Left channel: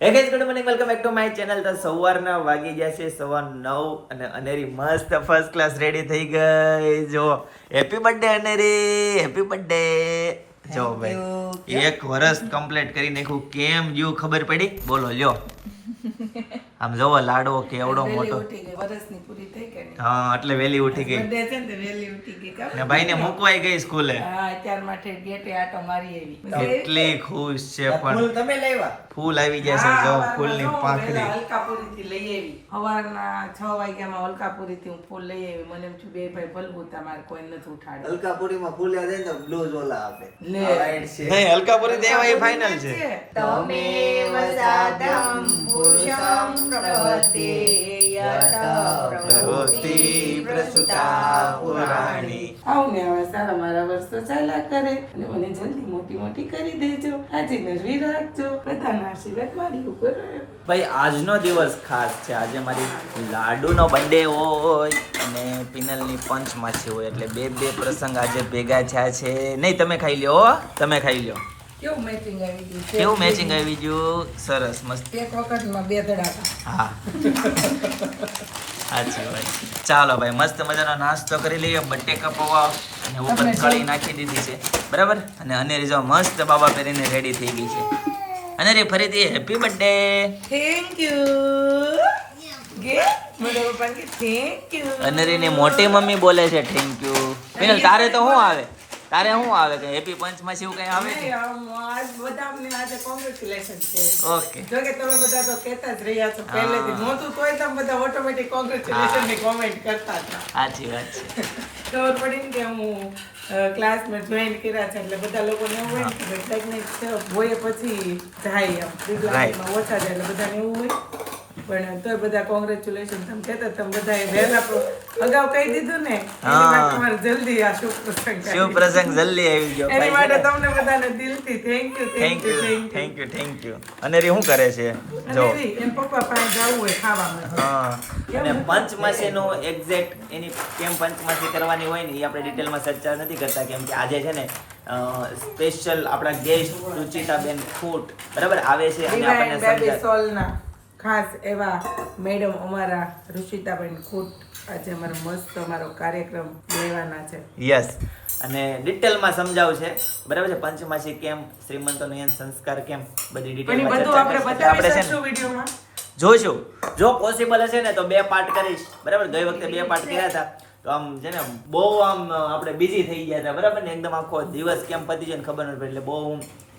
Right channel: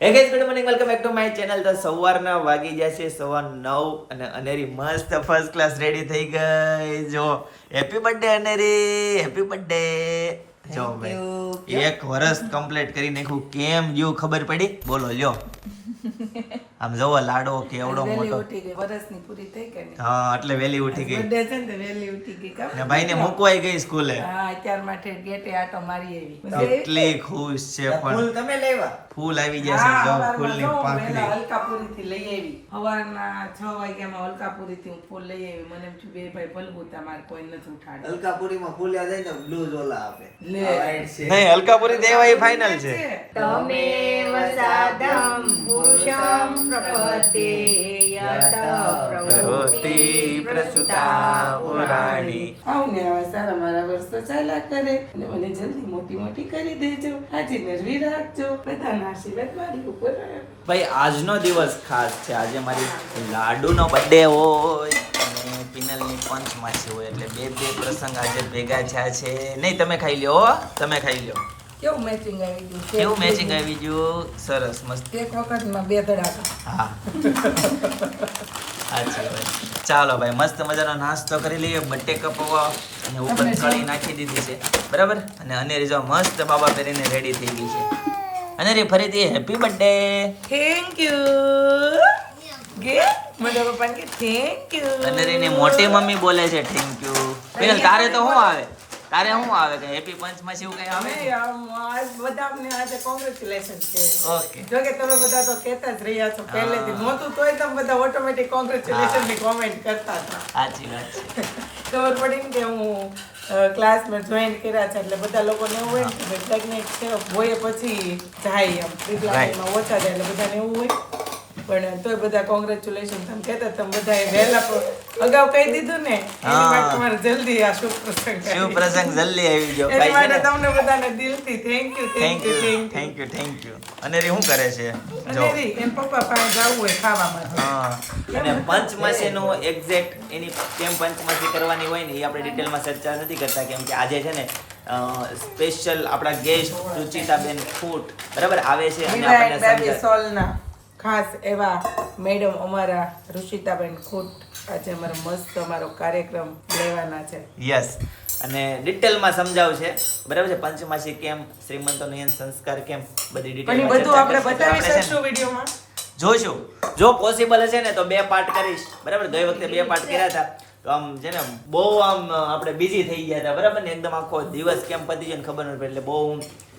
હે guys, good morning, welcome back to my channel. તો સવારના વાગી ગયા છે 9:15 અને અનેરી મસ્ત ફર્સ્ટ ક્લાસ રેડી થઈ ગઈ. જો હેપી બર્થડે અનેરી, હેપી બર્થડે. જો ભાઈ એક વર્ષ કમ્પ્લીટ કરી નાખ્યું. કેમ ગયું ખબર પડી? બોલો લ્યો. આમ જોવો લાડો કેવડો મોટો. વર્ષની પૂરી થઈ ગઈ. હા, એટલે વેલી ઉઠી ગઈ. બર્થડે છે ને વેલી ઉઠી ગઈ. ને ભાઈને મૂકવાઈ ગઈ સ્કૂલે. હા, અત્યાર માટે ગેટે આટો મારી આવી. કેટલી ખુશ છે. પણ તમે લાવ્યા ફૂલ આવી ગયા છે. જો ફૂલની પાંખડી. હલકાપુરીથી લઈ આવી. સવારના 6 વાગ્યામાં હલકાપુરીથી હું ફૂલ લઈ આવી. મને એમ થયું બે ભાઈ ભલવું તમારે કોઈ નથી ઉઠાડે. હલકાપુરીમાં ફૂલ્યા જાય ને બ્લૂઝ ઓલા આપે લે. White છે. નહીં, હલકાપુરી દેવા એ ફાઇનલ છે. પ્રવૃત્તિ પ્રસુતા પુરાણી. આવું ને હવે સારા મારા વર્ષ તો ચાલ્યા કરે અને મને જલ્દી મોટી મોટી કરી દેજો. આજે મેળવી રાખજો. બધાના આશીર્વાદ મારી ઉપર રહે. ભાઈ આજનો દિવસ ખાસ છે. આજે મારી લાડુનો બર્થડે હોય અને પિનલની પંચમાસી હોય એટલે બે પ્રસંગ આજે ભેગા થયા છે. નહીં, તમે ખાઈ લ્યો હો, તમે ખાઈ લ્યો. કેવું મેચિંગ આવી ગયું છે? કેવું મેચિંગ આવી ગયું? સરસ, મસ્ત. એક વખતમાં બે ધડાકા. હા, સાચી વાત. ચાલો ભાઈ, મસ્ત મજાનો નાસ્તો કરી લઈએ. બટ્ટે કપવા અને ઉપર કળી નાખી દીધી છે, બરાબર. અને અનેરી જો મસ્ત બાબા પહેરીને રેડી થઈ ગઈ છે. અનેરી ફરીથી હેપી બર્થડે. Thank you. ગે મને પપ્પાને કે થેન્ક યુ. અનેરીની મોટી મમ્મી બોલે છે થેન્ક યુ. પિનલ, તારે તો શું આવે? તારે શું આવે કે હેપી પંચમાસી એવું કઈ આવે? નહીં, આજ બધાને આજે કોંગ્રેચ્યુલેશન છે. ઓકે. જો કે તમે બધા તો કહેતા જ રહ્યા છો પહેલેથી. નહોતું તોય તમે બધા ઓટોમેટિક કોંગ્રેચ્યુલેશન ની કોમેન્ટ કરતા હતા. સાચી વાત છે. ખબર પડી ને કે હું ક્લાસમાં જોઈન કર્યા છે એટલે બધા લોકોને એવું હોય ને કે પ્રેગ્નેન્ટ છે હોય પછી જાય એમ ડિગ્રીમાં ઓછા જાય એટલે બધાને એવું હોય. પણ તોય બધા કોંગ્રેચ્યુલેશન તમે કહેતા તમે બધા વહેલા અગાઉ કહી દીધું ને એની માટે તમારે જલ્દી આ શુભ પ્રસંગ શિવ પ્રસંગ જલ્દી આવી ગયો એની ભાઈ છે માટે ને. તમને બધાને દિલથી thank you thank you, thank you, thank you. Aneri શું કરે છે? જો એમ પપ્પા પાસે જવું હોય ખાવા માટે. હા, અને પંચમાસીનું એક્ઝેક્ટ એની કેમ પંચમાસી કરવાની હોય ને એ આપણે ડિટેલમાં ચર્ચા નથી કરતા, કેમ કે આજે છે ને સ્પેશિયલ આપણા ગેસ્ટ રુચિતાબેન ફૂટ બરાબર આવે છે અને આપણને સમજાવે. સોલના ખાસ એવા મેડમ અમારા ઋષિતાબેન ખૂટ આજે અમારો મસ્ત અમારો કાર્યક્રમ લેવાના છે. યસ, અને ડિટેલમાં સમજાવશે બરાબર છે. પંચમાસી કેમ, શ્રીમંતો નયન સંસ્કાર કેમ, બધી અને ડિટેલમાં બધું ચર્ચા આપણે કરીશું. બતાવી આપણે છે શકશું ને વિડીયોમાં. જોઈશું. જો પોસિબલ હશે ને તો 2 પાર્ટ કરીશ, બરાબર. ગઈ વખતે 2 પાર્ટ કર્યા હતા તો આમ છે ને બહુ આમ આપણે બિઝી થઈ ગયા હતા, બરાબર ને. એકદમ આખો દિવસ કેમ પતી જાય ને ખબર નથી પડી, એટલે બહુ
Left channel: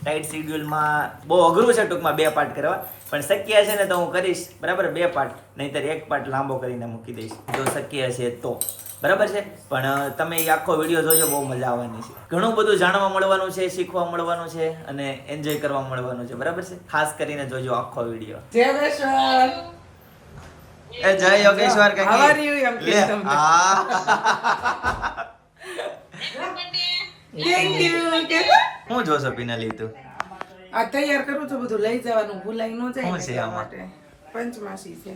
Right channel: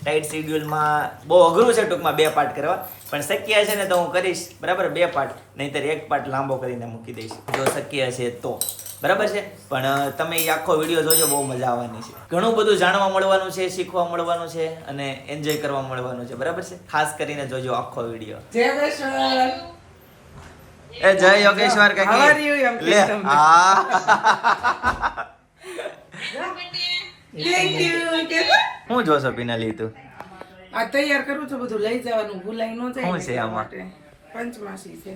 ટાઈટ શેડ્યુલમાં બહુ અઘરું છે ટૂંકમાં 2 પાર્ટ કરવા. પણ શક્ય હશે ને તો હું કરીશ, બરાબર, 2 પાર્ટ. નહીંતર 1 પાર્ટ લાંબો કરીને મૂકી દઈશ જો શક્ય હશે તો, બરાબર છે. પણ તમે એ આખો વિડીયો જોજો, બહુ મજા આવવાની છે. ઘણું બધું જાણવા મળવાનું છે, શીખવા મળવાનું છે અને એન્જોય કરવા મળવાનું છે, બરાબર છે. ખાસ કરીને જોજો આખો વિડીયો. જય વૈષ્ણવ. એ જય યોગેશ્વર કાકી. How are you? એમ કે લે, તમને. હા. Thank you. કે હું જોશો પિનાલી તું? આ તૈયાર કરું છું બધું લઈ જવાનું ભૂલાઈ ન જાય શું ને છે એટલા આમાં? માટે. પંચમાસી છે.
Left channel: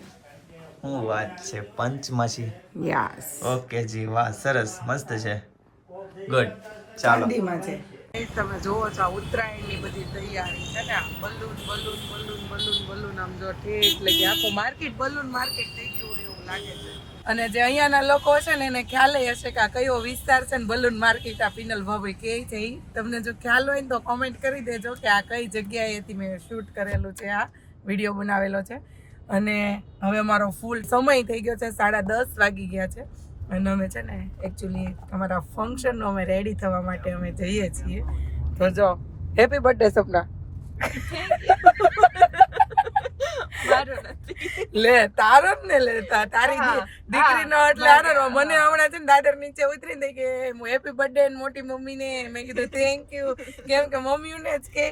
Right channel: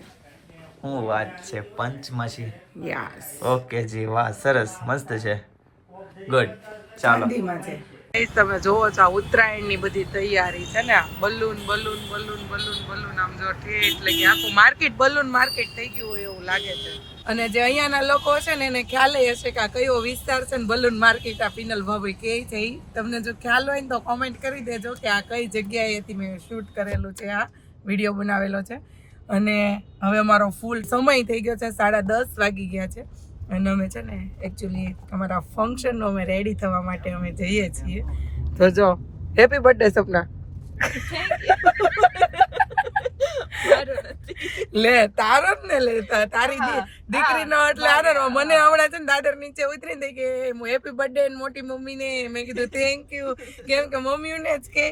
શું વાત છે, પંચમાસી. યસ. ઓકે જી, વાહ, સરસ, મસ્ત છે. ગુડ, ચાલો. ચાંદીમાં છે. તમે જોવો છો આ ઉત્તરાયણની બધી તૈયારી છે ને. Balloon balloon balloon balloon balloon આમ જો ઠેઠ લગી આખું માર્કેટ બલૂન માર્કેટ થઈ ગયું હોય એવું લાગે છે. અને જે અહીંયાના લોકો છે ને એને ખ્યાલ હશે કે આ કયો વિસ્તાર છે ને બલૂન માર્કેટ આ પિનલ ભાભી કહે છે ઈ. તમને જો ખ્યાલ હોય ને તો કોમેન્ટ કરી દેજો કે આ કઈ જગ્યાએથી મેં શૂટ કરેલું છે, આ વિડીયો બનાવેલો છે. અને હવે અમારો ફૂલ સમય થઈ ગયો છે, 10:30 વાગી ગયા છે. અને અમે છે ને એકચ્યુઅલી અમારા ફંક્શનનો અમે રેડી થવા માટે અમે જઈએ છીએ. તો જો હેપી બર્થડે સપના. લે તારો જ ને લે તારી દીકરી નો એટલે આનો મને હમણાં છે ને દાદર નીચે ઉતરીને કે હેપી બર્થડે મોટી મમ્મી ને મેં કીધું થેન્ક યુ, કેમ કે મમ્મી ને જ કે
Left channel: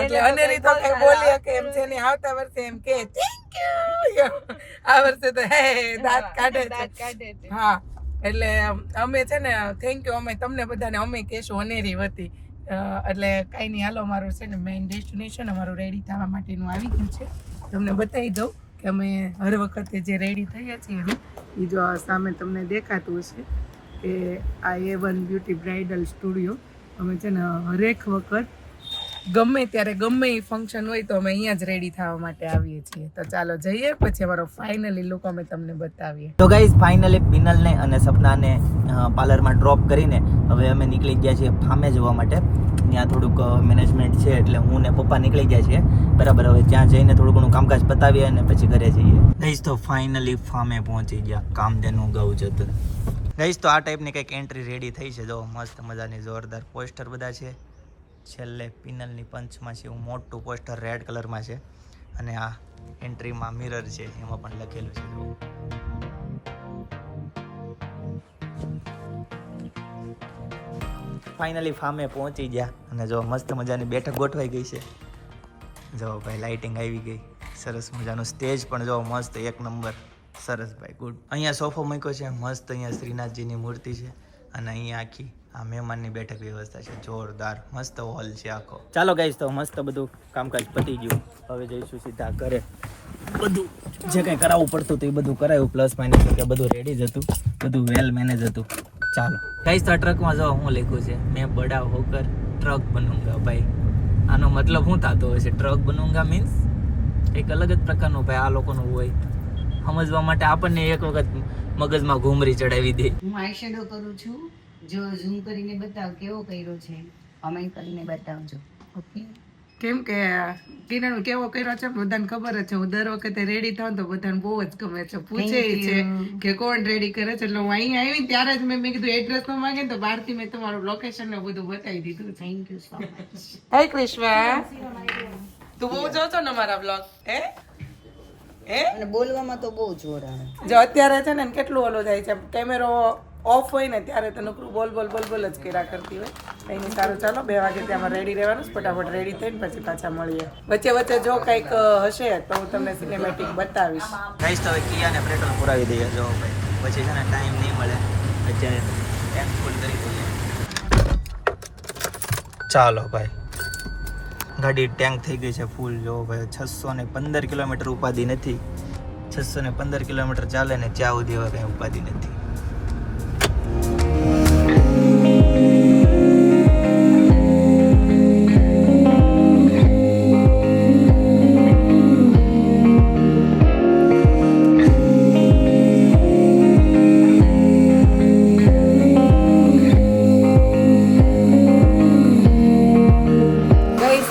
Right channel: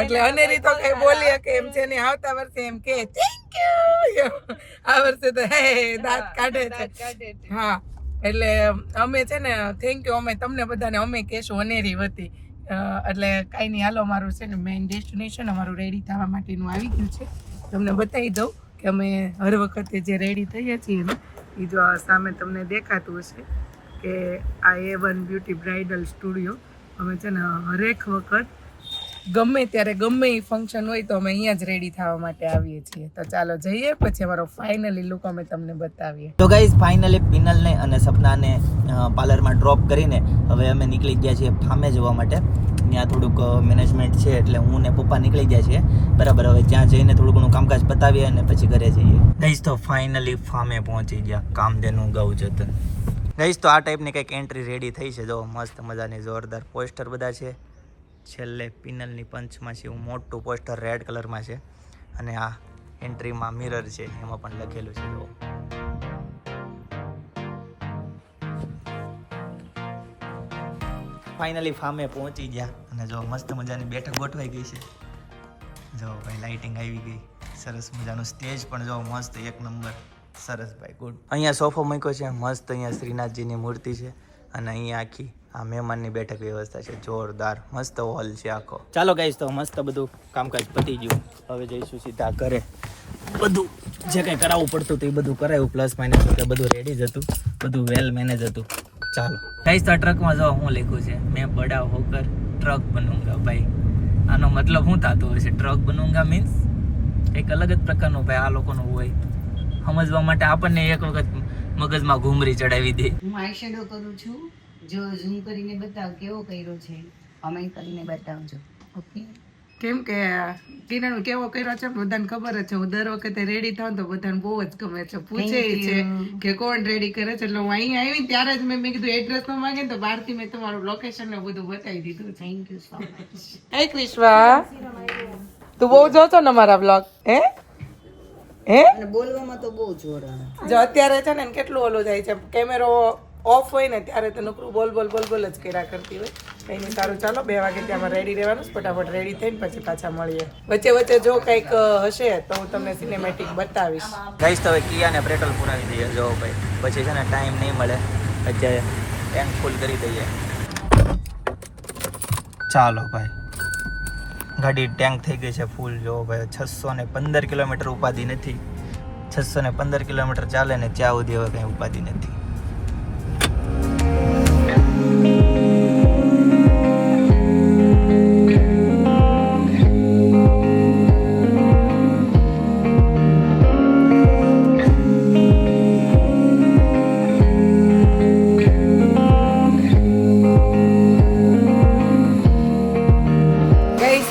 એટલે અનેરી તો કઈ બોલી કે એમ છે ને આવતા વર્ષે એમ કે થેન્ક યુ. આ વર્ષે તો હે દાંત કાઢે છે. હા, એટલે અમે છે ને થેન્ક યુ અમે તમને બધાને અમે કહેશું અનેરી વતી. એટલે કાંઈ નહીં, હાલો અમારું છે ને મેઇન ડેસ્ટિનેશન અમારું રેડી થવા માટેનું આવી ગયું છે. તમને બતાવી દઉં કે અમે હર વખતે જે રેડી થઈએ છીએ ને એ જો સામે તમને દેખાતું હશે કે આ A1 બ્યુટી બ્રાઇડલ સ્ટુડિયો. અમે છે ને હરેક વખત ગમે ત્યારે ગમે એ ફંક્શન હોય તો અમે અહીંયા જ રેડી થવા માટે આવીએ છીએ. તો ચાલો જઈએ, પછી અમારો ફાઇનલી લુક અમે તમને બતાવીએ. તો ગાઈઝ ફાઇનલી પિનલને અને સપનાને પાર્લરમાં ડ્રોપ કરીને હવે અમે નીકળી ગયા છીએ ફામે જવા માટે. ત્યાં થોડુંક મેનેજમેન્ટ છે એટલે હું ને પપ્પા નીકળી ગયા છીએ બરાબર. હવે ત્યાં જઈને થોડું ઘણું કામકાજ પતાવીએ અને પછી ઘરે જઈએ. ગાઈઝ તો ફાઇનલી ફામે પહોંચી ગયા, કામધેનુ ગૌ જતન. ગાઈઝ તો આ ટાઈપની કંઈક એન્ટ્રી રેડી થઈ છે. જો મસ્ત મજાની જોરદાર પોસ્ટર બધા છે. છેલ્લે પિનલની પંચમાં છે એવું મોટું પોસ્ટર રેડ કલરમાં છે અને આ એન્ટ્રીમાં મિરર છે, એમાં પણ લખેલું છે. જો ફાઇનલી ફામે પહોંચી ગયા અને જો મસ્ત મજાની બેઠક ગોઠવાઈ ગઈ છે. જો ભાઈ લાઇટિંગ આવી ગઈ, સરસ મજાનું સ્ટેજ પણ જો મસ્ત એક નંબર, સરસ ભાઈ ગુડ. અહીંયા સોફો મૂક્યો છે મસ્ત, અહીંયા શ્રીનાથજીની મૂર્તિ છે અને અહીંયા આખી આ મહેમાનની બેઠક વ્યવસ્થા છે, જોરદાર મસ્ત હોલ છે આખો. ચાલો ગાઈસ તો મસ્ત બધું કામકાજ પતી ગયું, હવે જઈશું સીધા ઘરે. બધું જે કંઈ કરાવવું પડતું હતું એ બધું કરાયું, પ્લસ માઇનસ કે બધું રેડી જ હતું, બધું વેલ મેનેજ હતું. ચાલો ગાઈસ તો ટ્રકમાં જો હું લખ્યું છે, મેં બડા હોકર ટ્રક બનૂંગા. ભાઈ આનો મતલબ શું થતો હોય છે? ટ્રક બનૂંગા મીન્સ એક અલગ જ પ્રકારનું ભાઈ આ લોકોનું હોય, સમજવા માટે આપણને એક વખત મગજમાં ઘૂમરી ચડાવી દે. હું આઈ શેડો કરું છું, જો ઝૂમ કરીને બતાવ કેવો કર્યો છે, અમે કરીને બતાવજો. ઓકે, કેમ કે કિરણ કેવો કર્યો છે બધાને ખબર જ છે. હું દર વખતે રેડી થાઉં તો બધાને બહુ જ ગમે છે, પૂછે છે કે કોણ રેડી કરે છે. એટલે હું અહીંયા આવી ત્યારે જ મેં કીધું એડ્રેસ નો માંગે તો બહારથી મેં તમારું લોકેશન ને બધું બતાવી દીધું. Thank you so much. હે ક્રિશ્વા, તું બહુ જોતો ને મારા બ્લોગ? હે અને બોલવામાં તો બહુ જોર આવે. જો અત્યારે છે ને કેટલું ઓલું જાય છે, કેમેરો ઓફ હોય ને ત્યારે તો નકરું બોલ બોલ બોલ બોલ જ કર્યા કરતી હોય. કઈ નહીં, સારું ચાલો 2 વાગે ત્યાંમાં રેડી રહેવાનું, ફટાફટ રેડી થઈને પછી પાછા મળીએ. વચ્ચે વચ્ચે જો કંઈક હશે તો હું તમને સિનેમેટિક બતાવીશ. ગાઈસ તો હવે કિયાને પેટ્રોલ પુરાવી દઈએ. જો ભાઈ પછી છે ને ટાઈમ નહીં મળે, અત્યારે ટેન્ક ફૂલ કરી દઈએ. ચાલો ભાઈ, ગાડી ટેન્ક થઈ ગઈ છે ફૂલ. જો ભાઈ 615 કિલોમીટર ઉપાધિ નથી, 615 કિલોમીટર ચાલે ને ત્યાં સુધી હવે કંઈ ઉપાધિ નથી.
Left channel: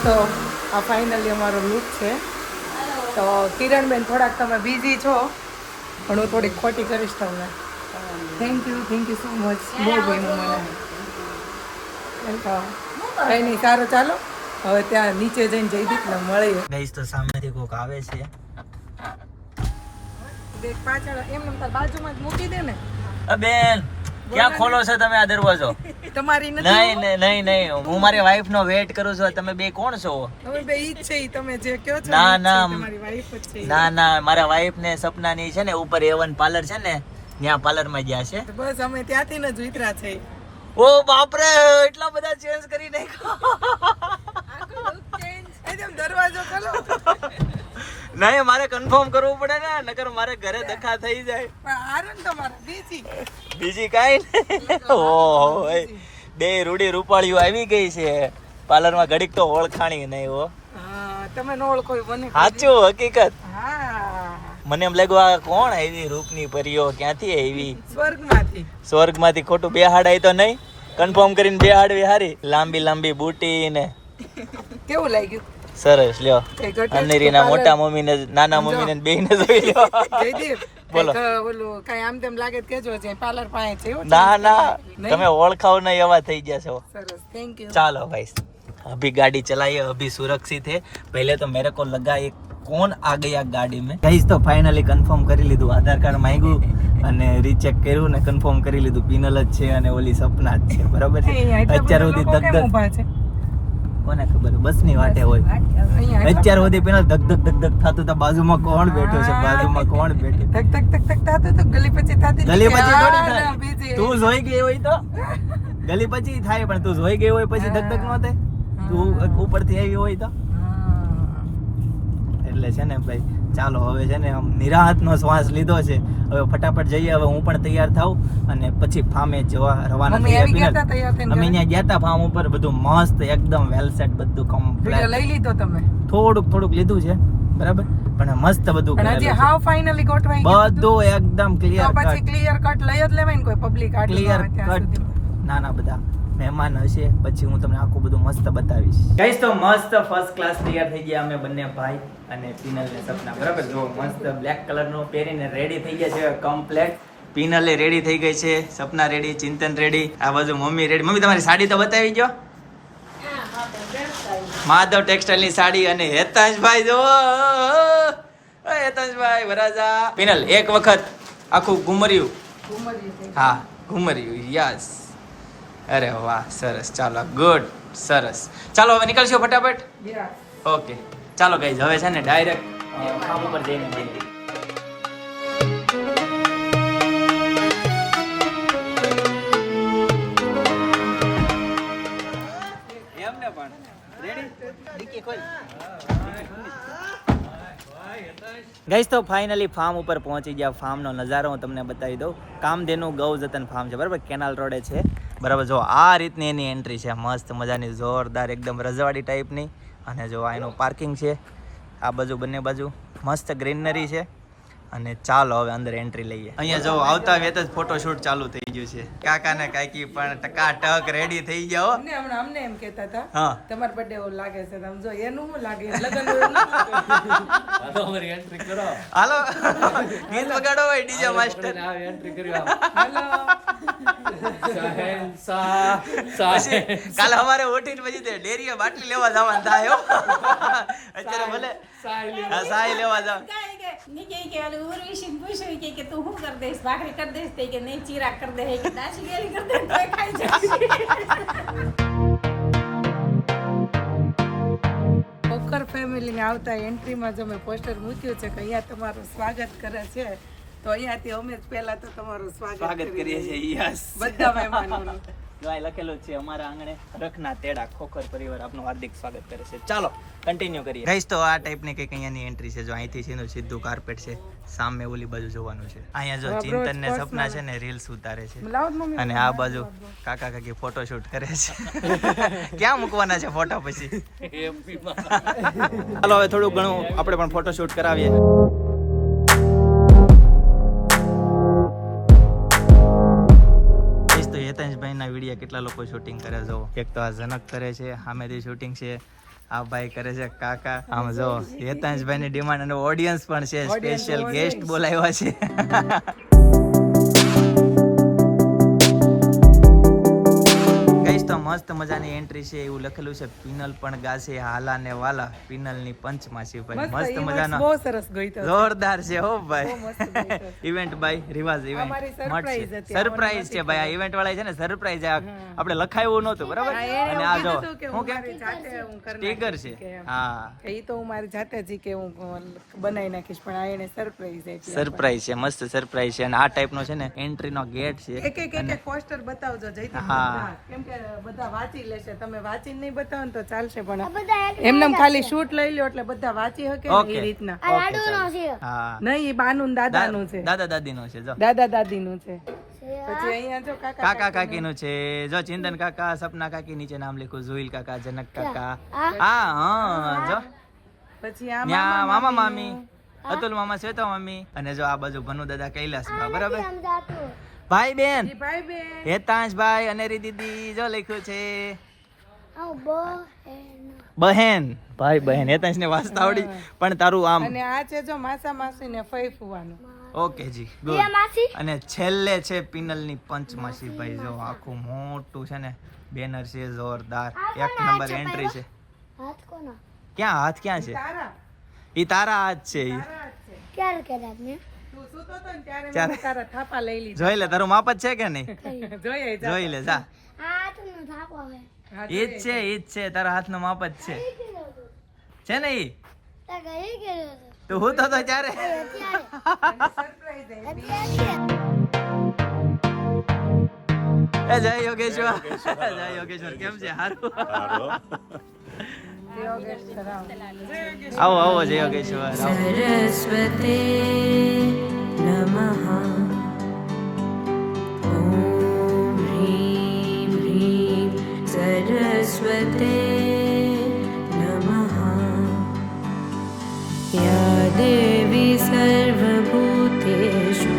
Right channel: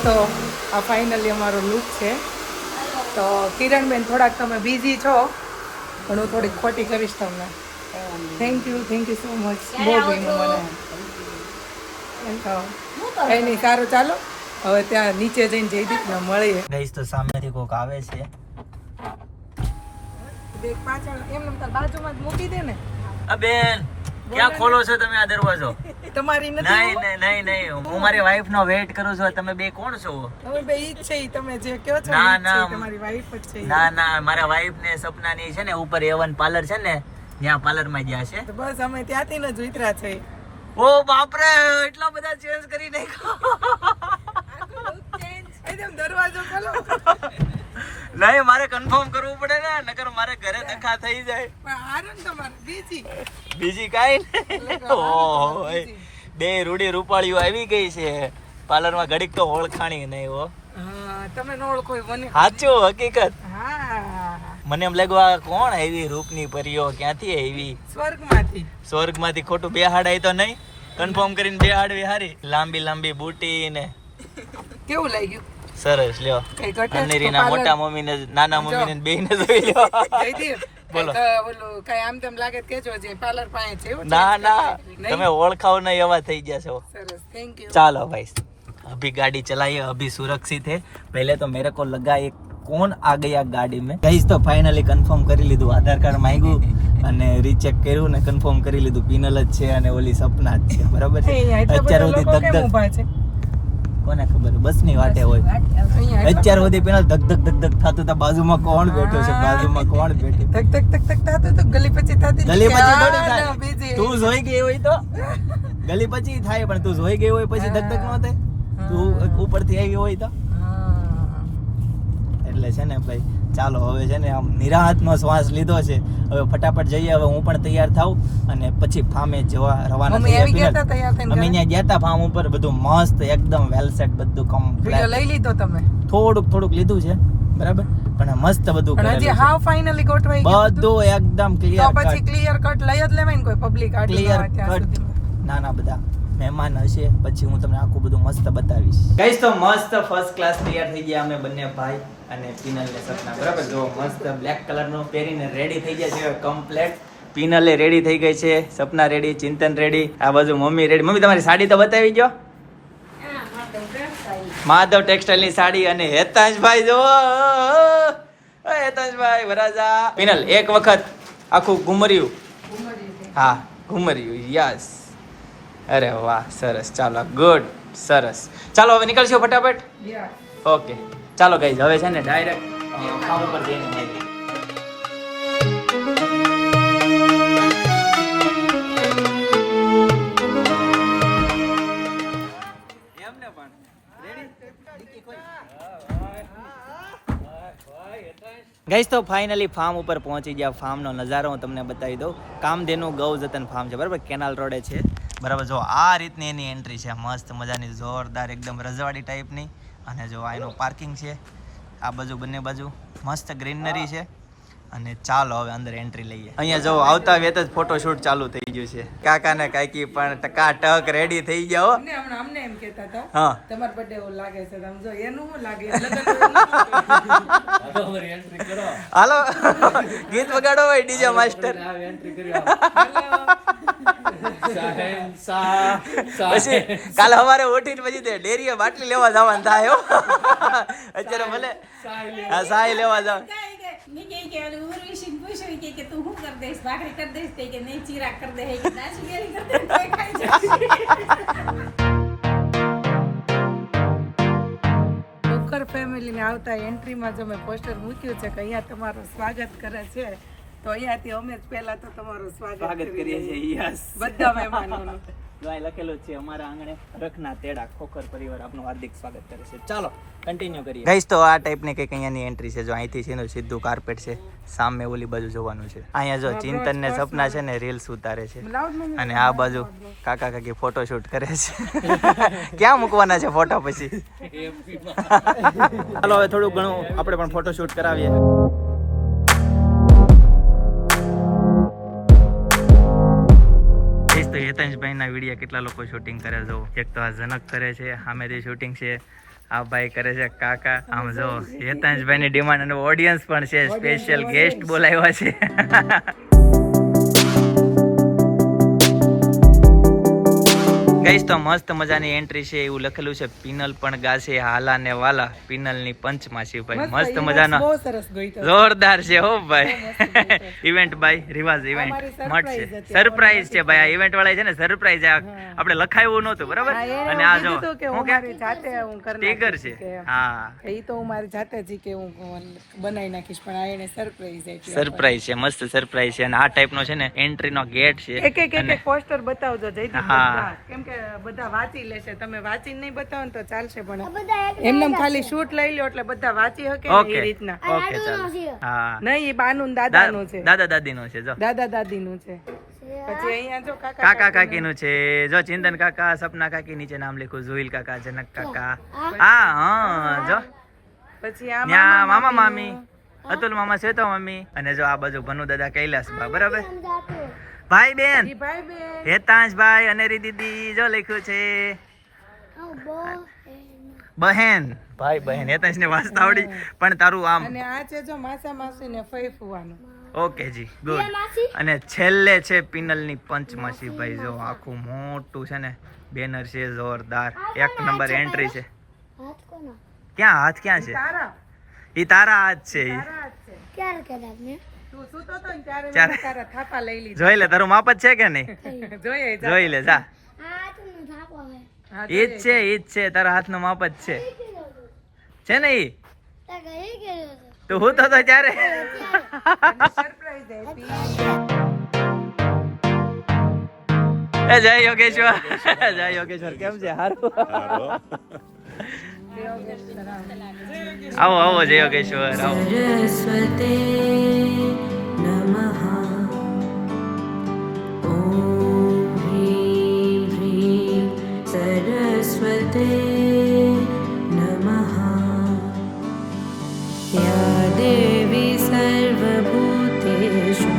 તો આ ફાઇનલી અમારો લુક છે. તો કિરણબેન થોડાક તમે બિઝી છો પણ હું થોડીક ખોટી કરીશ તમને. થેન્ક યુ સો મચ, બહુ ગમ્યું મને. વેલકમ. કંઈ નહીં, સારું ચાલો હવે ત્યાં નીચે જઈને જયદીપને મળીએ. ગાઈસ તો સામેથી કોક આવે છે. પાછળ એમ બાજુમાં જ મૂકી દે ને. બેન ક્યાં ખોલો છો તમે આ દરવાજો? તમારી નહીં નહીં નહીં, હું મારી વાઈફ નો વેઇટ કરું છું. તમે બે કોણ છો? તમે બે ઈ જ છે, તમે જે કહો છો ના ના તમારી વાઈફ જ છે. ના ના, મારા વાઈફ ને સપનાની છે ને ઉપર A1 પાર્લર છે ને, ત્યાં પાર્લર માં ગયા છે. બસ અમે ત્યાંથી જ ઉતર્યા છે. ઓ બાપરે, એટલા બધા ચેન્જ કરી નાખ્યો. એકદમ દરવાજો ખોલો. નહીં, મારે કન્ફર્મ કરવું પડે ને, નકર મારે ઘરે ધક્કા થઈ જાય. પણ આરણ તમારે બીજી કાઈ નહીં. ઓહો, બે રૂડી રૂપાળીઓ આવી ગઈ છે પાર્લર માં, ઘડીક તો ઓળખાણી નહીં. હો તમે નો ઓળખો મને. સાચું, હકીકત. હા, મને એમ લાગ્યું આ કોણ આવી રૂપની પરીઓ, ક્યાંથી આવી? સ્વર્ગમાંથી. ખોટું બેહાડાય તો નહીં, કન્ફર્મ કરીને બેહાડવી હારી. લાંબી લાંબી બૂટી ને. કેવું લાગ્યું? સરસ. લ્યો, અનેરીના મોટા મમ્મી ને નાના મમ્મી ને બેયને જોઈ લ્યો. બોલો. બોલો, કઈ આમ તેમ લાગે કેજો છે પાર્લર પાસે છે. ના ના, તમે ઓળખાવ નહીં એવા થઈ ગયા છો. સરસ, થેન્ક યુ. ચાલો ભાઈ, अभी गाड़ी चलाइए, अभी सुरक्षित है. पहले तो मेरे को लगा ये कौन आ गया गाड़ी में. गाइस तो फाइनली કન્ફર્મ કરી લીધું, આધાર કાર્ડ માંગ્યું અને રીચેક કર્યું ને કન્ફર્મ કરી લીધું, પિનલ જ છે અને ઓલી સપના જ છે. બરાબર છે. અત્યાર સુધી ધક કોને ખબર, બસ ની વાટે હોય. અત્યાર સુધી પેલા ધક ધક ધક ધક થતું તો બાજુમાં કોણ બેઠો છે, બાજુમાં કોણ બેઠો. ધક ધક ધક ધક થતું તો ગલી પછી થતી. ગલી પછી થોડી થાય, તું જોઈ ગઈ હોય તો ગલી પછી થાય, પણ તું જોઈ ગઈ હોય પછી ધક ધક ન થાય. તું ઉપરથી આવી હોય તો એટલે છે ને ભાઈ ચાલો હવે છે ને આમ નિરાહતનો શ્વાસ લીધો છે. હવે ફટાફટ જઈએ. હવે હું પણ તૈયાર થાઉં અને પછી ફામે જવા રવાના મમ્મી આવી થઈએ. ગયા હતા તૈયાર થઈને અમે અહીંયા ગયા હતા ફાર્મ ઉપર, બધું મસ્ત એકદમ વેલ સેટ, બધું વિડિયો કમ્પ્લીટ. લઈ લીધો તમે? થોડુંક લીધું છે બરાબર, પણ મસ્ત બધું પણ હજી કરેલું હાવ છે. ફાઇનલી ગોઠવાઈ ગયું બધું એકદમ તો ક્લિયર પછી કટ. ક્લિયર કટ લઈ જ લેવાય ને, કોઈ પબ્લિક આટલી ક્લિયર આવે ત્યાં કટ. સુધી. નાના બધા મહેમાન હશે પછી હું તમને આખું બધું મસ્ત બતાવીશ. ગાઈસ તો મસ્ત ફર્સ્ટ ક્લાસ તૈયાર થઈ ગયા અમે બંને ભાઈ અને પિનલ ને સપના. બરાબર, જો મસ્ત બ્લેક કલર નો પહેરીને રેડી થઈ ગયા છે કમ્પ્લેટ. પિનલે રેડી થઈ ગઈ છે, સપના રેડી, ચિંતન રેડી, આ બાજુ મમ્મી રેડી. મમ્મી તમારી સાડી તો બતાવી જો. માધવ ટેક્સટાઇલ ની સાડી. અને હેતાંશભાઈ જો, હેતાંશભાઈ વરાજા. પિનલ એક વખત આખું ઘુમર્યું. હા ઘુમર્યું, યસ. અરે વાહ, સરસ. ચાલો ગુડ, સરસ. ચાલો હવે નીકળશો ફટાફટ. Yeah. ઓકે ચાલો ગાઈઝ, હવે છે ને ડાયરેક્ટ ફાર્મ ઉપર જઈને મળીએ. એમને પણ રેડી ડીકી ખોલ. ગાઈઝ તો ફાઇનલી ફાર્મ ઉપર પહોંચી ગયા. ફાર્મનો નજારો હું તમને બતાવી દઉં. કામધેનુ ગૌ જતન ફાર્મ છે બરાબર, કેનાલ રોડે છે બરાબર. જો આ રીતની એની એન્ટ્રી છે, મસ્ત મજાની જોરદાર એકદમ રજવાડી ટાઈપની. અને જો આ એનું પાર્કિંગ છે, આ બાજુ બંને બાજુ મસ્ત ગ્રીનરી છે. અને ચાલો હવે અંદર એન્ટ્રી લઈએ. અહીંયા જો આવતા વેત જ ફોટોશૂટ ચાલુ થઈ ગયું છે. કાકા ને કાકી પણ ટકાટક રેડી થઈ ગયા હો. અમને એમ કહેતા હતા હા તમારો બર્થડે એવું લાગે છે, તમે જો એનું શું લાગે હાલો ગીત વગાડો ભાઈ ડીજે માસ્ટર. પછી કાલે અમારે ઉઠીને પછી તે ડેરીએ બાટલી લેવા જવાનું થાય હો. અત્યારે ભલે હા સાય લેવા જાવ. કોકર ફેમિલી ને આવતા એન્ટ્રીમાં જો મેં પોસ્ટર મૂક્યું છે કે અહીંયા તમારું સ્વાગત કરે છે, તો અહીંયાથી અમે જ પહેલા તો તમારું સ્વાગત કરીએ છીએ. યસ, બધા મહેમાનોનું. જો અહીં લખેલું જ છે અમારા આંગણે રખના તેડા ખોખર પરિવાર આપનું હાર્દિક સ્વાગત કરે છે. ચાલો કન્ટિન્યુ કરીએ. ગાઈસ તો આ ટાઈપની કંઈક અહીંયાની એન્ટ્રી છે. જો અહીંથી છે સીધું કાર્પેટ છે, સામે ઓલી બાજુ જોવાનું છે. અહીંયા જો ચિંતન ને સપના છે ને રીલ્સ ઉતારે છે, અને આ બાજુ કાકા કાકી ફોટોશૂટ કરે છે. ક્યાં મૂકવાના છે ફોટા પછી? ચાલો હવે થોડું ઘણું આપણે પણ ફોટોશૂટ કરાવીએ. તો હેતાંશભાઈ ના વિડીયો કેટલા લોકો શૂટિંગ કરે જો. એક તો આ જનક કરે છે, સામેથી શૂટિંગ છે, આ ભાઈ કરે છે કાકા. આમ જો હેતાંશભાઈ ની ડિમાન્ડ અને ઓડિયન્સ પણ છે, સ્પેશિયલ ગેસ્ટ બોલાવ્યા છે. ગાઈસ તો મસ્ત મજાની એન્ટ્રી છે. એવું લખેલું છે પિનલ પણ ગાશે હાલા ને વાલા, પિનલ ની પંચમાસી. ભાઈ મસ્ત મજાનો બહુ સરસ ગઈતો, જોરદાર છે હો ભાઈ. ઇવેન્ટ બાય રિવાજ ઇવેન્ટ મસ્ત છે, સરપ્રાઈઝ છે ભાઈ. આ ઇવેન્ટ વાળા છે ને સરપ્રાઈઝ આપણે લખાયું નહોતું બરાબર. અને આ જો હું કે ટીગર છે. હા એ તો હું મારી જાતે જ કે હું બનાવી નાખીશ, પણ આ એને સરપ્રાઈઝ આપી. સરપ્રાઈઝ છે, મસ્ત સરપ્રાઈઝ છે. અને આ ટાઈપનો છે ને એન્ટ્રી નો ગેટ છે. એક પોસ્ટર બતાવજો જયદીપ, હા. કેમ કે બધા વાંચી લેશે. તમે વાંચીને નહીં બતાવો ને તો ચાલશે, પણ એમને ખાલી શૂટ લઈ લો એટલે બધા વાંચી શકે ને એ રીતના. ઓકે ચાલો. હા નહીં, એ બાનું દાદાનું છે, દાદા દાદીનું છે. જો દાદા દાદીનું છે. પછી અહીંયા જો કાકા કાકીનું છે. જો ચિંતન કાકા, સપના કાકી, નીચે નામ લખ્યું ઝુઈલ કાકા, જનક કાકા. હા જો પછી ન્યા મામા મામી, અતુલ મામા, શ્વેતા મામી. અને જો આ બાજુ ભનુ દાદા, કૈલાસ બા બરાબર. ભાઈ બેન ભાઈ બે હેતાંશભાઈ, અનેરી દીદી જો લખ્યું છે બહેન. ભાઈ બહેન હેતાંશ ને વાંચતા આવડી, પણ તારું આમ. અને આ છે જો માસા માસી ને ફઈ ફુવાનું. ઓકે જી ગુડ. અને છેલ્લે છે પિનલ ની પંચમાસી. ભાઈ જો આખું મોટું છે ને બેનર છે, જોરદાર એક નંબર એન્ટ્રી છે. ક્યાં હાથ ક્યાં છે? ઈ તારા હાથ છે. તું સૂતો તો ને ત્યારે ચાર. મેં તારા થાપા લઈ લીધા. જોઈ લે તારું માપ જ છે કે નહીં? જોઈએ જા. જોઈ લે જા. ઈ જ છે, ઈ જ છે, તારા હાથનો માપ જ છે. છે ને ઈ? તું હું તો ત્યારે સરપ્રાઈઝ આપી. જય યોગેશ્વર. જય યોગેશ્વર. કેમ છે? હારું. આવો આવો જય યોગેશ્વર આવો. सरस्वते नमः ॐ ह्रीं ह्रीं सरस्वते नमः या देवी सर्वभूतेषु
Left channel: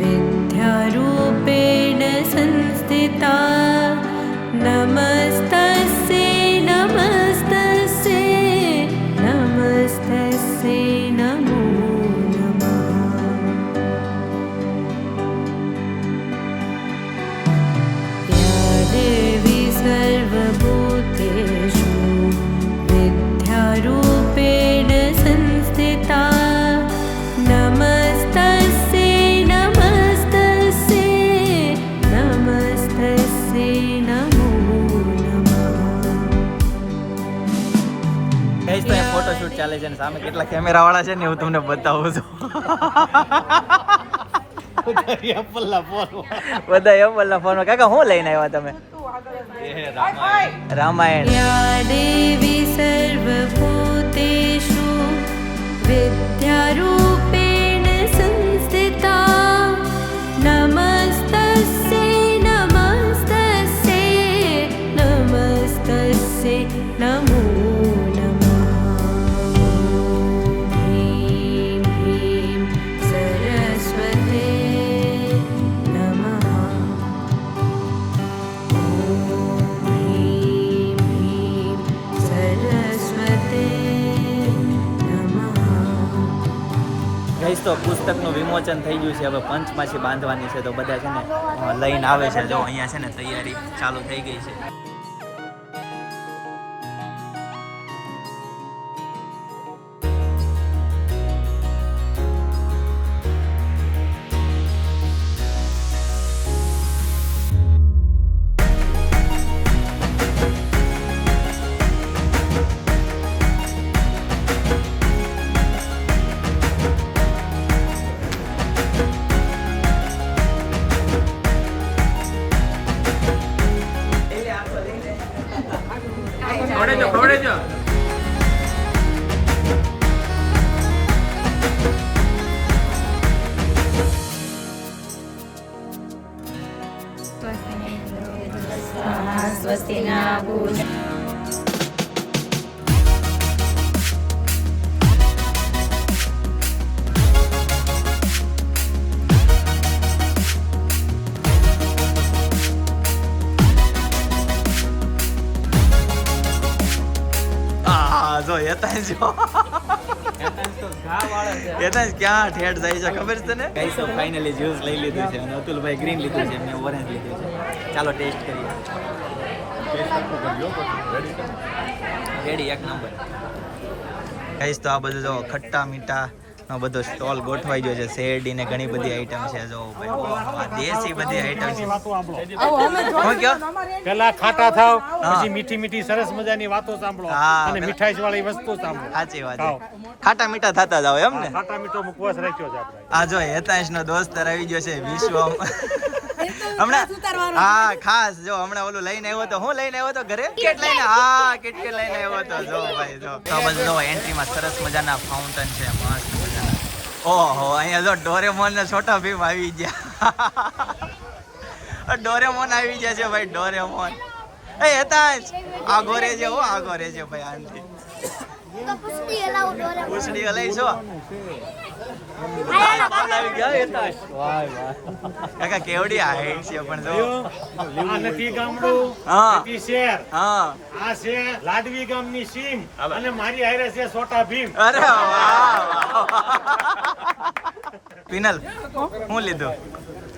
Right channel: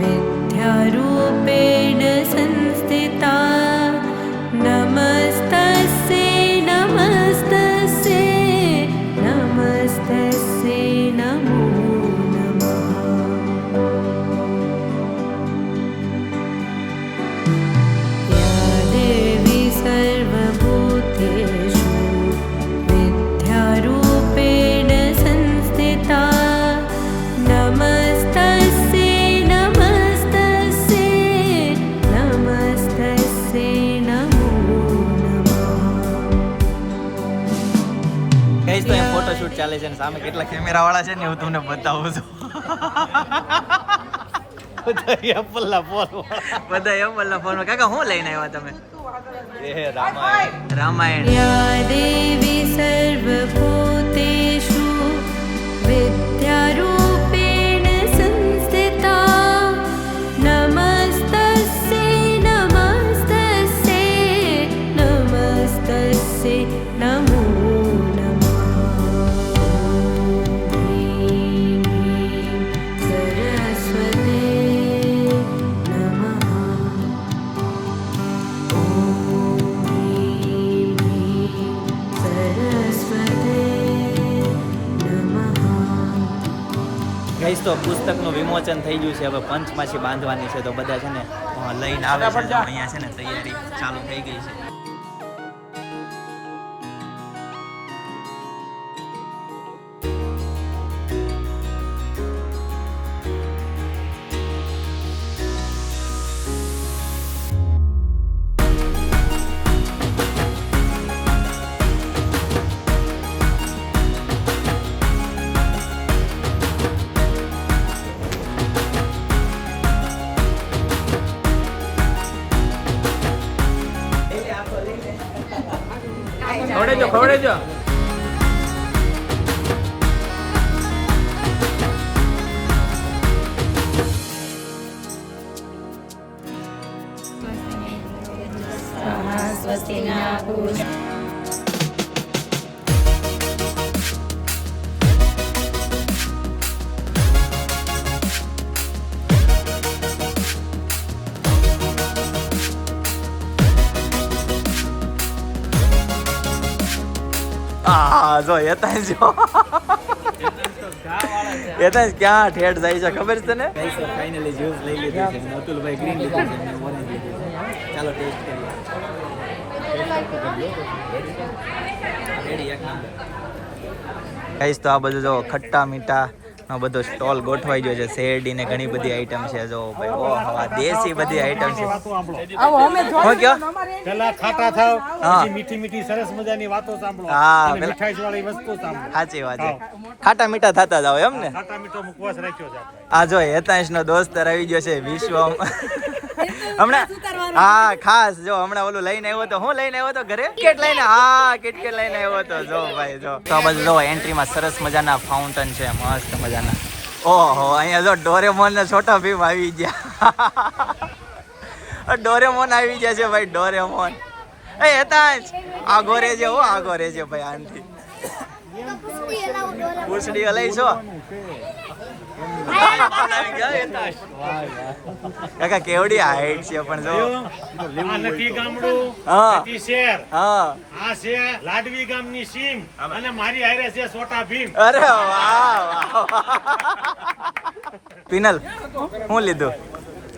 विद्यारूपेण संस्थिता नमस्तस्यै नमस्तस्यै नमस्तस्यै नमो नमः या देवी सर्वभूतेषु विद्यारूपेण संस्थिता नमस्तस्यै नमस्तस्यै नमस्तस्यै नमो કહીશ તો અહીં ફોટોશૂટ ચાલે છે ને સામે કેટલા કેમેરા વાળા છે ને હું તમને બતાવું છું. બધા એપલના ફોન કાકા શું લઈને આવ્યા તમે? રામાયણ. या देवी सर्वभूतेषु विद्यारूपेण संस्थिता नमस्तस्यै नमस्तस्यै नमस्तस्यै नमो नमः ह्रीं ह्रीं सरस्वते नमः ॐ ह्रीं ह्रीं सरस्वते नमः કહીશ તો પુસ્તકનું વિમોચન થઈ ગયું છે, હવે પંચમાસી બાંધવાની છે તો બધા છે ને લઈને આવે છે. જો અહીંયા છે ને તૈયારી ચાલુ થઈ ગઈ છે. ખવડેજો. स्वस्ति न पूजा હા જો એતા જો એતા ક્યાં ઠેઠ જાય છે ખબર છે ને? કઈ તો ફાઇનલી જ્યુસ લઈ લીધું છે અને અતુલભાઈ ગ્રીન લીધું છે, મેં ઓરેન્જ લીધું છે. ચાલો ટેસ્ટ કરીએ. રેડી એક નંબર. કઈશ તો આ બધું જો ખટ્ટા મીઠા નો બધો સ્ટોલ ગોઠવાઈ ગયો છે. શેરડી ને ઘણી બધી આઈટમ છે. જો ભાઈ ઓહો આ દેશી બધી આઈટમ છે. હું કયો પેલા ખાટા થાવ હા. પછી મીઠી મીઠી સરસ મજાની વાતો સાંભળો હા, અને પેલા- મીઠાઈ વાળી વસ્તુ સાંભળો. સાચી વાત છે. ખાટા મીઠા થતા જાવ એમ ને? ખાટા મીઠો મુખવાસ રાખ્યો છે આપણે. આ જો હેતાંશ નો દોસ્ત આવી ગયો છે વિશ્વમ. હમણાં હા ખાસ જો હમણાં ઓલું લઈને આવ્યો તો હું લઈને આવ્યો તો ઘરે કિટકેટ લઈને. હા કિટકેટ લઈને આવ્યો તો જો ભાઈ જો તો આ બધું જો એન્ટ્રીમાં સરસ મજાના ફાઉન્ટન છે મસ્ત મજાના. ઓહો અહીંયા જો ડોરેમોન ને છોટા ભીમ આવી ગયા. ડોરેમોન આવી ગયા છે ભાઈ ડોરેમોન. એ હેતાંશ આગો રેજે હો આગો રેજે ભાઈ આનથી. પૂછડી હલાઈ છો કાકા કેવડી હાઈટ છે પણ જો. આ નથી ગામડું હા. નથી શહેર. હા આ છે લાડવી ગામની સીમ અને મારી હારે છે છોટા ભીમ. અરે વાહ વાહ. પિનલ હું લીધું?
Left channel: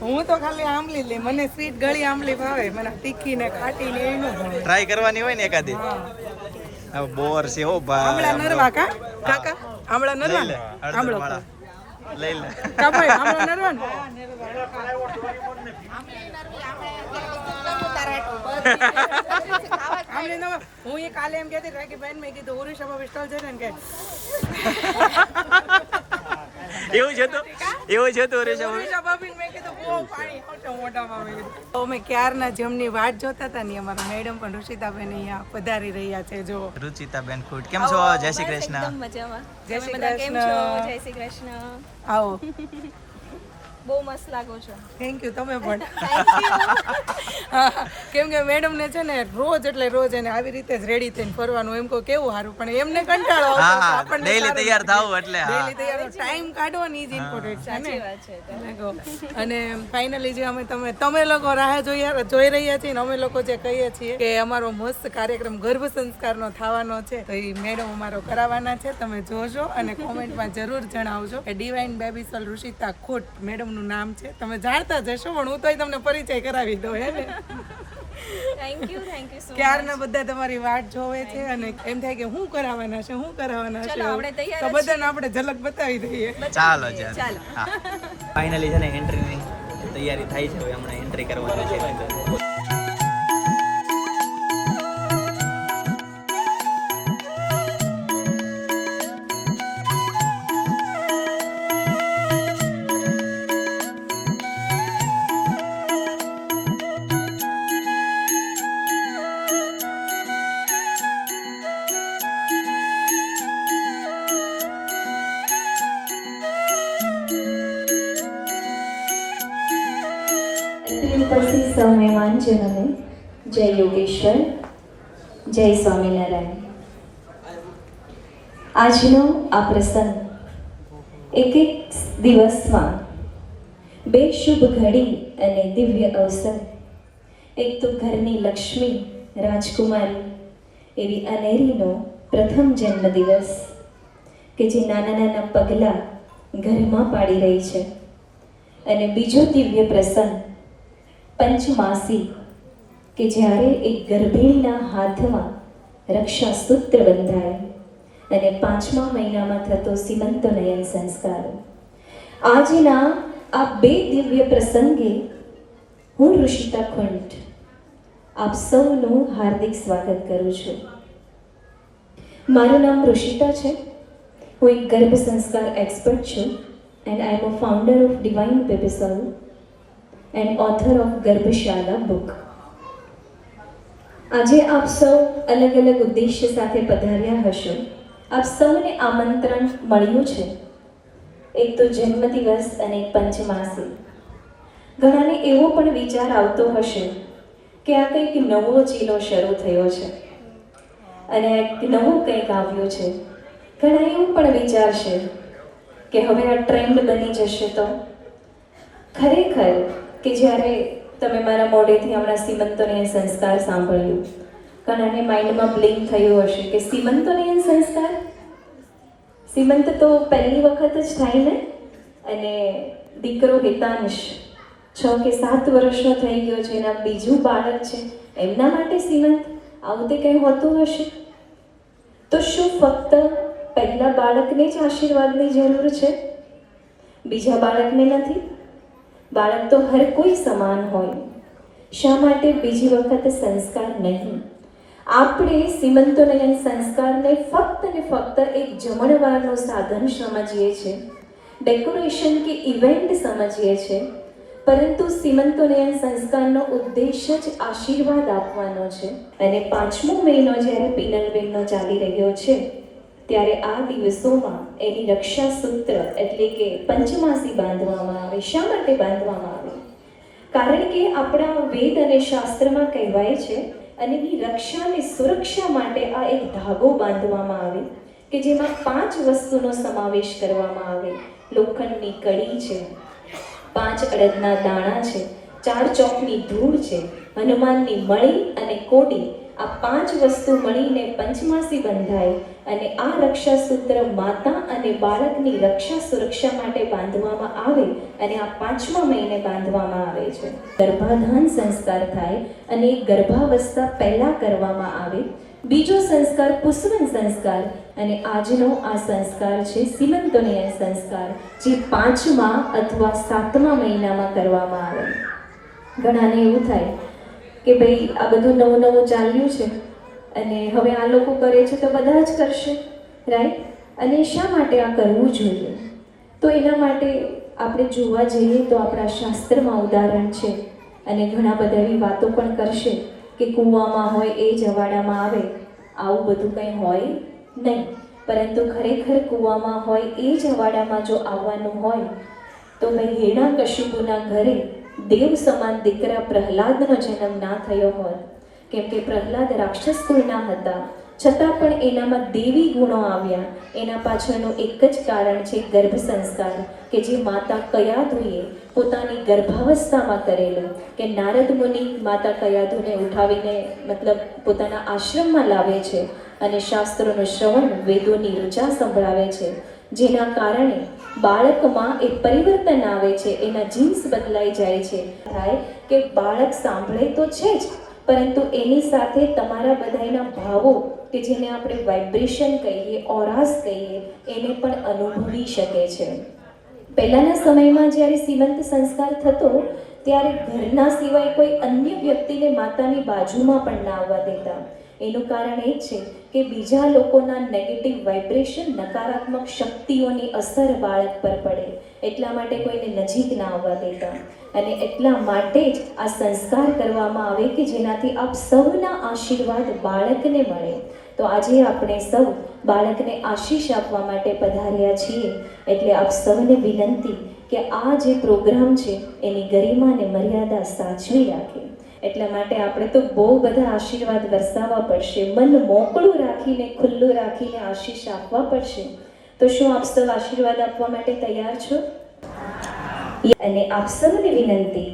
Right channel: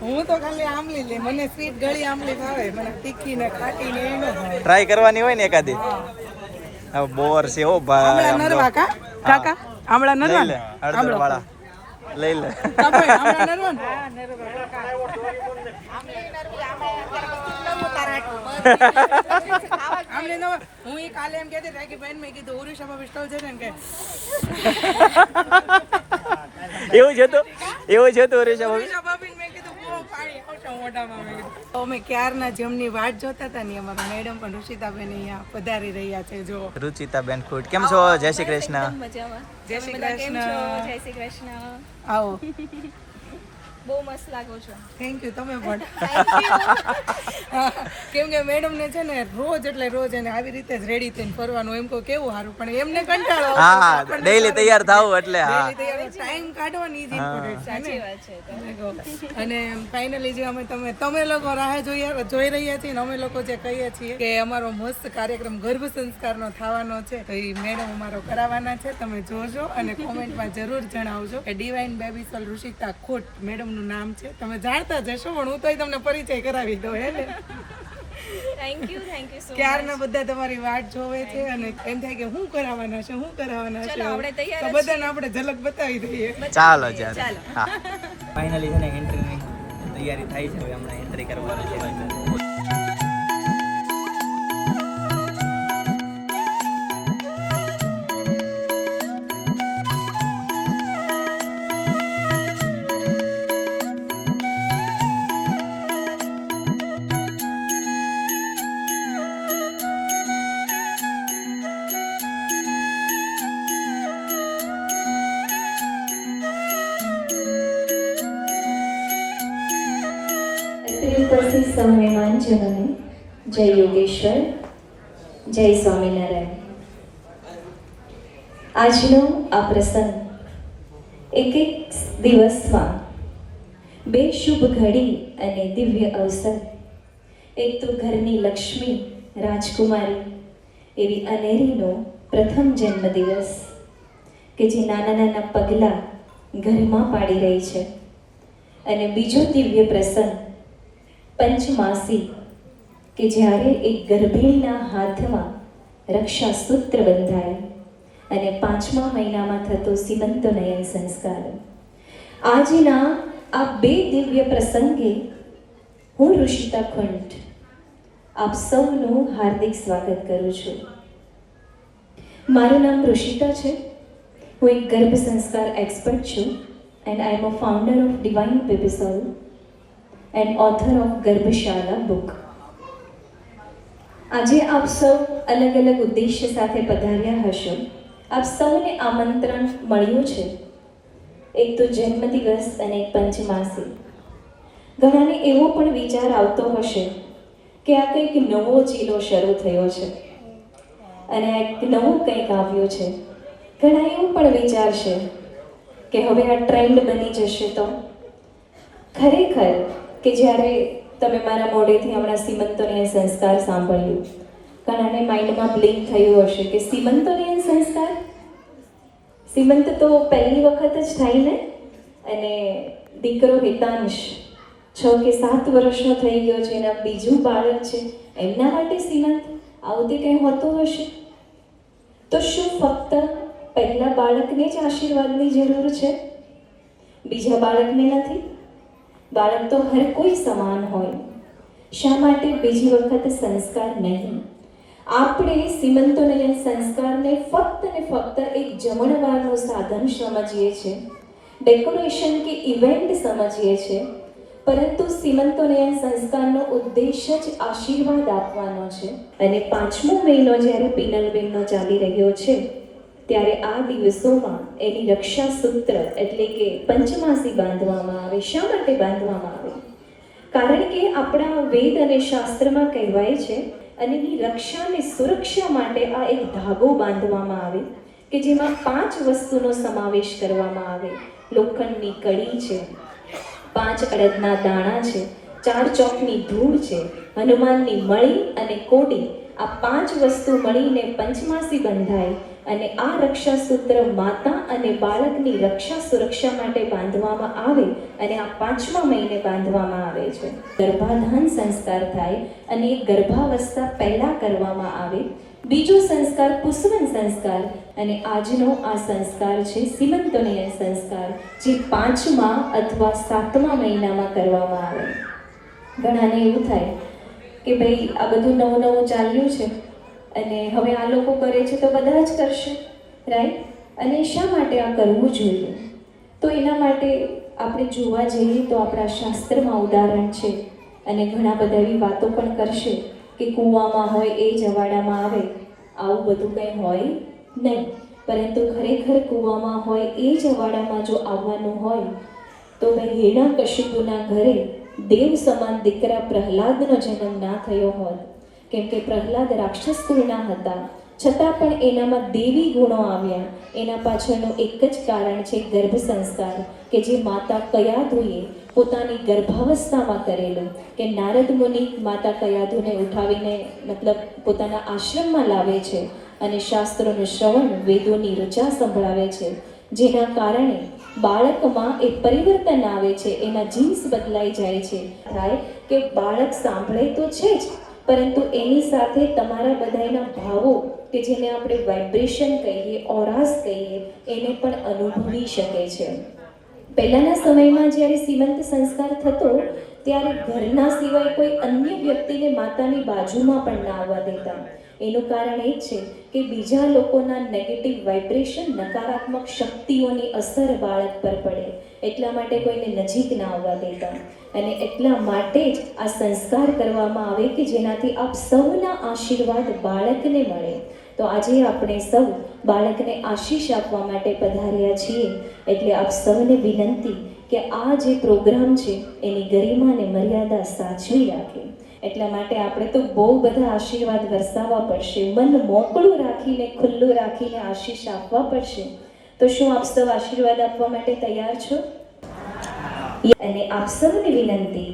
હું તો ખાલી આમલી લે, મને સ્વીટ ગળી આમલી ભાવે, મને તીખી ને ખાટી ને એનો ભાવે. ટ્રાય કરવાની હોય ને એકાદી. હવે બોર છે હો ભાઈ. આમળા આમ નરવા જો. કા કાકા આમળા નરવા લઈ લે હળદર વાળા લઈ લે. કાપાય આમળા નરવા ને આમને નવા હું એ કાલે એમ કહેતી રાખી બેન મેં કીધું ઓરિસ્સામાં વિસ્તળ છે ને કે એવું છે તો ઓરિસ્સા ભાભી. ઓરિસ્સા ભાભી મેં કીધું બહુ પાણી આવશે મોઢામાં મેં કીધું અમે ક્યારના જમની વાટ જોતા હતા ને અમારા મેડમ પણ ઋષિતાબેન અહીંયા પધારી રહ્યા છે. જો રુચિતાબેન ખુટ કેમ છો? જય શ્રી કૃષ્ણ. મજામાં. જય શ્રી બધા કેમ છો? કૃષ્ણ. જય શ્રી કૃષ્ણ. આવો. બહુ મસ્ત લાગો છો. Thank you. તમે પણ. કેમ કે મેડમ ને છે ને રોજ એટલે રોજ એને આવી રીતે જ રેડી થઈને ફરવાનું એમ કહો કેવું સારું, પણ એમને કંટાળો આવતો. હા, આપણને daily સારું. તૈયાર થાવું એટલે હા. Daily તૈયાર ટાઈમ કાઢવાની જ ઇમ્પોર્ટન્ટ છે સાચી ને. વાત છે તો. લાગો. અને ફાઇનલી જે તમે લોકો રાહ જોઈ રહ્યા છીએ ને અમે લોકો જે કહીએ છીએ કે અમારો મસ્ત કાર્યક્રમ ગર્ભ સંસ્કારનો થવાનો છે, તો એ મેડમ અમારો કરાવવાના છે. તમે જોજો અને કોમેન્ટમાં જરૂર જણાવજો કે ડિવાઇન બેબી સોલ ઋષિતા ખોટ મેડમનું નામ છે. તમે જાણતા જશો પણ હું તોય તમને પરિચય કરાવી દઉં હે ને. થેન્ક યુ સો ક્યારના બધા તમારી વાટ જોવે છે અને એમ થાય કે શું કરાવવાના છે, શું કરાવવાના છે. ચલો, આપણે તૈયાર તો બધાને આપણે ઝલક બતાવી દઈએ. ચાલો ત્યારે. હા. ફાઇનલી છે ને એન્ટ્રીની તૈયારી થાય છે. હવે હમણાં એન્ટ્રી કરવાની છે. ઉપસ્થિત સૌ મહેમાનજનોને જય યોગેશ્વર, જય સ્વામિનારાયણ. આજનો આ પ્રસંગ એક દિવસમાં બે શુભ ઘડી અને દિવ્ય અવસર, એક તો ઘરની લક્ષ્મી રાજકુમારી એવી અનેરીનો પ્રથમ જન્મદિવસ કે જે નાના નાના પગલાં ઘરમાં પાડી રહી છે, અને બીજો દિવ્ય પ્રસંગ પંચમાસી કે જ્યારે એક ગર્ભિણીના હાથમાં રક્ષાસૂત્ર બંધાય અને 5મા મહિનામાં થતો સીમંતોનયન સંસ્કાર. આજના આ બે દિવ્ય પ્રસંગે હું ઋષિતા ખુંટ આપ સૌનું હાર્દિક સ્વાગત કરું છું. મારું નામ ઋષિતા છે. હું એક ગર્ભ સંસ્કાર એક્સપર્ટ છું and I am a founder of divine baby soul and author of Garbhashala book. આજે આપ સૌ અલગ અલગ ઉદ્દેશ્ય સાથે પધાર્યા હશો. આપ સૌને આમંત્રણ મળ્યું છે, એક તો જન્મદિવસ અને એક પંચમાસી. ઘણાને એવો પણ વિચાર આવતો હશે કે આ કંઈક નવો ચીલો શરૂ થયો છે અને એક નવું કંઈક આવ્યું છે. ઘણા એવું પણ વિચારશે કે હવે આ ટ્રેન્ડ બની જશે. તો ખરેખર કે જ્યારે તમે મારા મોઢેથી હમણાં સીમંતોનયન સંસ્કાર સાંભળ્યું, ઘણાને માઇન્ડમાં બ્લિંક થયું હશે કે સીમંતોનયન સંસ્કાર, સીમંત તો પહેલી વખત જ થાય ને, અને દીકરો હિતાંશ 6 કે 7 વર્ષનો થઈ ગયો છે, એના બીજું બાળક છે, એમના માટે સીમંત આવું તે કંઈ હોતું હશે? તો શું ફક્ત પહેલા બાળકને જ આશીર્વાદની જરૂર છે, બીજા બાળકને નથી? બાળક તો હર કોઈ સમાન હોય. શા માટે બીજી વખત સંસ્કાર નહીં? આપણે સીમંતોનયન સંસ્કારને ફક્ત ને ફક્ત એક જમણવારનું સાધન સમજીએ છીએ, ડેકોરેશન કે ઇવેન્ટ સમજીએ છીએ, પરંતુ સીમંતોનયન સંસ્કારનો ઉદ્દેશ્ય જ આશીર્વાદ આપવાનો છે. અને 5મો મહિનો જ્યારે પિનલબેનનો ચાલી રહ્યો છે, ત્યારે આ દિવસોમાં એની રક્ષાસૂત્ર એટલે કે પંચમાસી બાંધવામાં આવે. શા માટે બાંધવામાં આવે? કારણ કે આપણા વેદ અને શાસ્ત્રમાં કહેવાય છે, અને એની રક્ષા અને સુરક્ષા માટે આ એક ધાગો બાંધવામાં આવે કે જેમાં 5 વસ્તુનો સમાવેશ કરવામાં આવે. લોખંડની કડી છે, 5 અડદના દાણા છે, 4 ચોકની ધૂળ છે, હનુમાનની મળી અને કોડી. આ 5 વસ્તુ મળીને પંચમાસી બંધાય અને આ રક્ષાસૂત્ર માતા અને બાળકની રક્ષા સુરક્ષા માટે બાંધવામાં આવે અને આ 5મા મહિને બાંધવામાં આવે છે. ગર્ભાધાન સંસ્કાર થાય અને એ ગર્ભાવસ્થા પહેલા કરવામાં આવે. બીજો સંસ્કાર પુષ્પન સંસ્કાર, અને આજનો આ સંસ્કાર છે સીમંતોનયન સંસ્કાર, જે 5મા અથવા 7મા મહિનામાં કરવામાં આવે. ઘણાને એવું થાય કે ભાઈ આ બધું નવું નવું ચાલ્યું છે અને હવે આ લોકો કરે છે તો બધા જ કરશે, રાઈટ? અને શા માટે આ કરવું જોઈએ? તો એના માટે આપણે જોવા જઈએ તો આપણા શાસ્ત્રમાં ઉદાહરણ છે અને ઘણા બધા એવી વાતો પણ કરશે કે કૂવામાં હોય એ જ અવાડામાં આવે. આવું બધું કંઈ હોય નહીં, પરંતુ ખરેખર કૂવામાં હોય એ જ અવાડામાં જો આવવાનું હોય તો ભાઈ હિરણ્યકશિપુના ઘરે દેવ સમાન દીકરા પ્રહલાદનો જન્મ ના થયો હોત. કેમ કે પ્રહલાદ રાક્ષસ કુળના હતા, છતાં પણ એનામાં દેવી ગુણો આવ્યા. એના પાછળનું એક જ કારણ છે ગર્ભ સંસ્કાર, કે જે માતા કયાધુએ પોતાની ગર્ભાવસ્થામાં કરેલું. કે નારદ મુનિ માતા કયાધુને ઉઠાવીને મતલબ પોતાના આશ્રમમાં લાવે છે અને શાસ્ત્રોનું શ્રવણ, વેદોની ઋચા સંભળાવે છે, જેના કારણે બાળકમાં એ પરિવર્તન આવે છે, એના જીન્સ બદલાઈ જાય છે. થાય કે બાળક સાંભળે તો છે જ, પરંતુ એની સાથે તમારા બધાના ભાવો કે જેને આપણે વાઇબ્રેશન કહીએ, ઓરાસ કહીએ, એને પણ અનુભવી શકે છે. પહેલાંના સમયમાં જ્યારે સીમંત સંસ્કાર થતો ત્યારે ઘરના સિવાય કોઈ અન્ય વ્યક્તિને માતાની બાજુમાં પણ ના આવવા દેતા. એનું કારણ એ જ છે કે બીજા લોકોના નેગેટિવ વાઇબ્રેશન, નકારાત્મક શક્તિઓની અસર બાળક પર પડે, એટલા માટે કોઈને નજીક ના આવવા દેતા. અને એટલા માટે જ આ સંસ્કાર કરવામાં આવે કે જેનાથી આપ સૌના આશીર્વાદ બાળકને મળે. તો આજે આપણે સૌ બાળકને આશીષ આપવા માટે પધાર્યા છીએ. એટલે આપ સૌને વિનંતી કે આ જે પ્રોગ્રામ છે એની ગરિમા અને મર્યાદા સાચવી રાખે. એટલા માટે આપણે તો બહુ બધા આશીર્વાદ વરસાવવા પડશે, મન મોકળું રાખીને, ખુલ્લું રાખીને આશીષ આપવા પડશે. તો શું આપ સૌ આશીર્વાદ આપવા માટે તૈયાર છો? અને આપ સૌને વિનંતી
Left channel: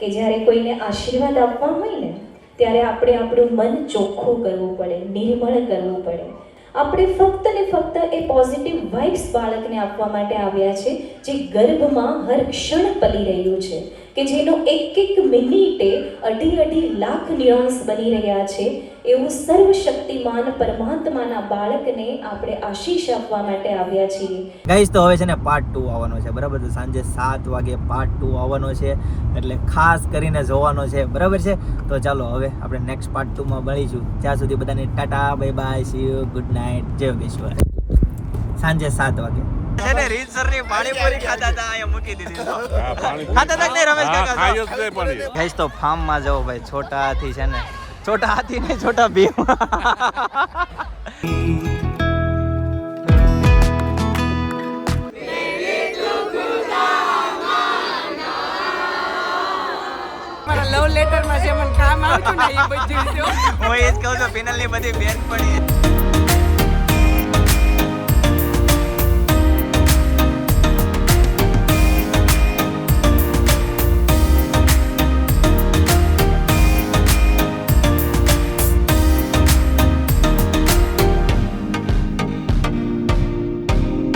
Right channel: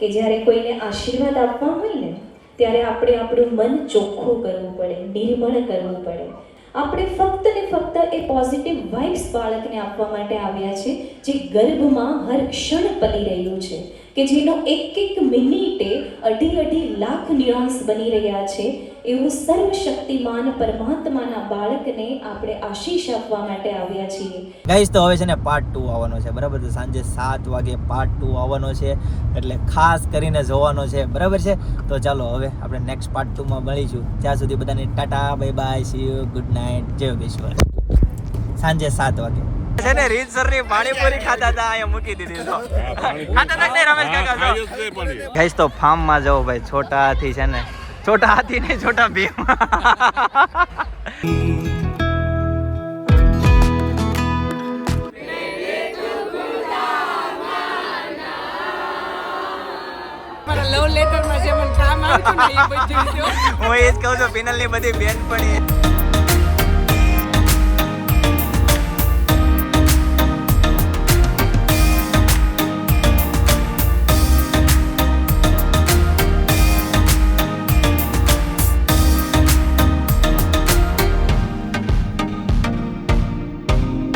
કે જ્યારે કોઈને આશીર્વાદ આપવા હોય ને ત્યારે આપણે આપણું મન ચોખ્ખું કરવું પડે, નિર્મળ કરવું પડે. આપણે ફક્ત ને ફક્ત એ પોઝિટિવ વાઇબ્સ બાળકને આપવા માટે આવ્યા છે, જે ગર્ભમાં હર ક્ષણ પલી રહ્યું છે, કે જેનો એક એક મિનિટે 2.5 લાખ ન્યુઆન્સ બની રહ્યા છે. એવું સર્વશક્તિમાન પરમાત્માના બાળકને આપણે આશીષ આપવા માટે આવ્યા છીએ. ગાઈસ, તો હવે છે ને પાર્ટ 2 આવવાનો છે, બરાબર? તો સાંજે 7 વાગે પાર્ટ 2 આવવાનો છે, એટલે ખાસ કરીને જોવાનો છે, બરાબર છે? તો ચાલો હવે આપણે નેક્સ્ટ પાર્ટ 2 માં મળીશું. ત્યાં સુધી બધાને Tata, bye bye, C you, good night, જય યોગેશ્વર. સાંજે 7 વાગે છે ને રીતસરની પાણીપુરી ખાતા હતા, અહીંયા મૂકી દીધી. ખાતા હતા નહીં રમેશ કાકા? ગાઈસ, તો ફાર્મ માં જાઓ ભાઈ, છોટા હાથી છે ને, છોટા હાથી ને છોટા ભીમ. મારા લવ લેટરમાં જે મને કામ આવતું ને એ બધું હું એ જ કહું છું, પિનલની બધી બેન પણ